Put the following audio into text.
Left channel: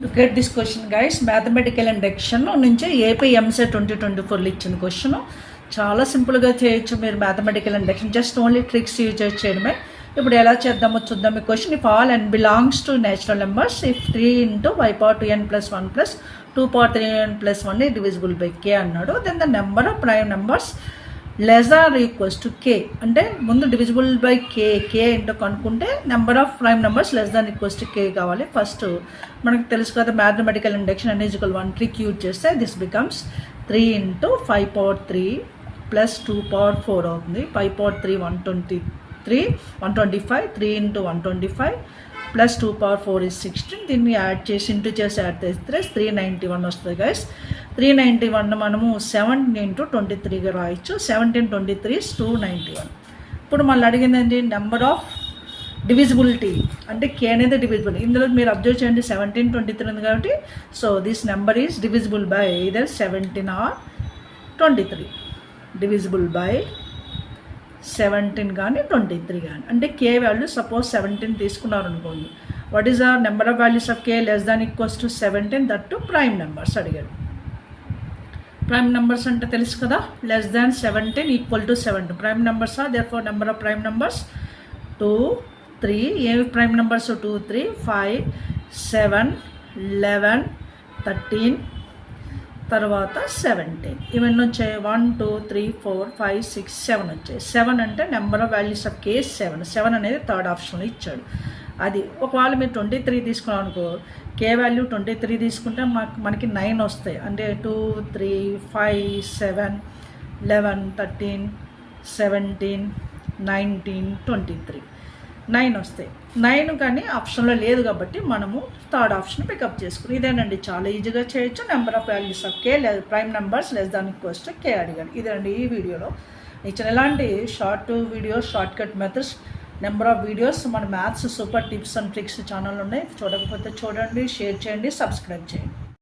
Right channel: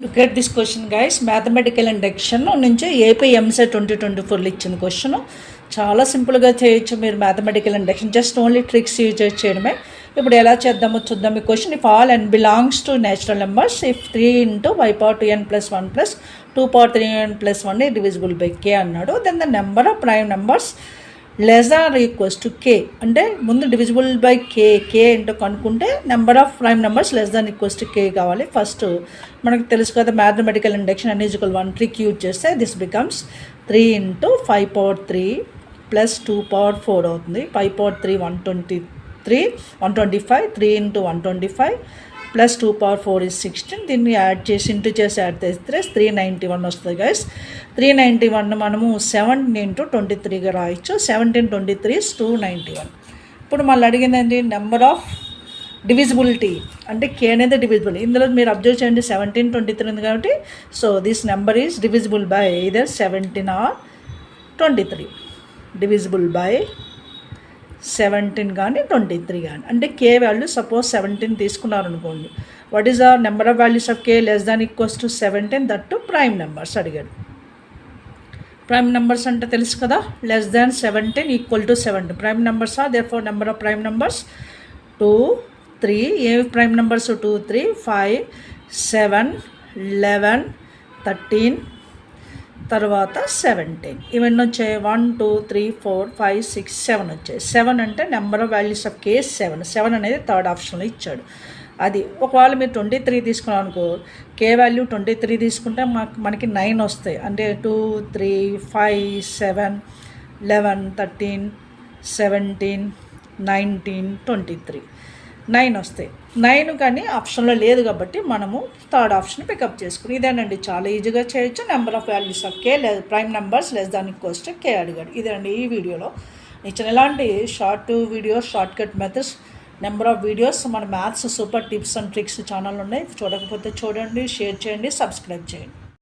Look at this question, guys. Mathematical induction నుంచి AP EAMCET 2024 ఇచ్చిన question చాలా సింపుల్గా చేయొచ్చు మీరు. Mathematical induction just only tricks use చేయడమే. ఇప్పుడు ఎలా చేద్దామో చూద్దాం. ఈ question if all n belongs to natural numbers if 3 into y power 2n plus 1 plus 2 power 3n plus 1 divisible by k అన్నాడు. Then the number of prime numbers less or equals to K. అంటే ముందు divisible by K ఏంటో కనుక్కుంటే number of prime numbers less than equals to K కావాలి. First మనకు తెలుసు కదా mathematical induction n equal 1 trick use చేస్తే this becomes 3 into 5 power 3 plus 2 power 4 అవుతుంది. 5 power 3 125, 3 into 125 plus 2 power 4 is 16. దీన్ని యాడ్ చేసి ఇంటూ చేసి యాడ్ చేస్తే 391 వస్తుంది గైస్. 391 మనము 17 ఇంటూ 23గా రాయొచ్చు. 17 23 is 291. ఇప్పుడు మళ్ళీ అడిగిందండి నెంబర్ ఆఫ్ డివిజిబిలిటీ అంటే కే అనేది డివిజిబుల్. ఇందులో మీరు అబ్జర్వ్ చేయండి 17 23 ఉంది కాబట్టి so this number is divisible by either 17 or 23. Divisible by 17 కానీ 23 కానీ. అంటే కే వాల్యూ సపోజ్ 17 తీసుకున్నారు అనుకోండి. What is the number of values of K less than equals to 17 that to prime numbers అడిగాడు. ప్రైమ్ నెంబర్స్ అంటే తెలుసు కదా, less than 17 equal to 7. Prime numbers are there for number of prime numbers 2 3. ఏ prime numbers 2 3 5 7 11 13 తర్వాత 17. ఇవన్నీ వచ్చాయి 1 2 3 4 5 6 7 వచ్చాయి. 7 అంటే నెంబర్ ఆఫ్ వాల్యూస్ ఆఫ్ కే 7 అనేది థర్డ్ ఆప్షన్లో ఇచ్చాడు. అది ఒకవేళ మీరు 23 తీసుకున్నాం అనుకో, కే వాల్యూ 23 తీసుకుంటే మనకి 9 వస్తాయి. అంటే 2 3 5 7 11 13 17 19 23 9 వస్తాయి. 9 కానీ ఆప్షన్లో లేదు కాబట్టి మనము థర్డ్ ఆప్షన్ పికప్ చేసుకుని ఇదేనండి. చాలా ఈజీగా చేయొచ్చు. Number of values of K prime numbers less than equals to K అడిగాడు. ఇదేనండి ఈ వీడియోలో ఇచ్చిన ఎలాంటి short videos, short cut methods, number of videos మన maths super tips and tricks channel ఉన్నాయి. చూడకపోతే చూడండి, షేర్ చేయండి, సబ్స్క్రైబ్ చేయండి.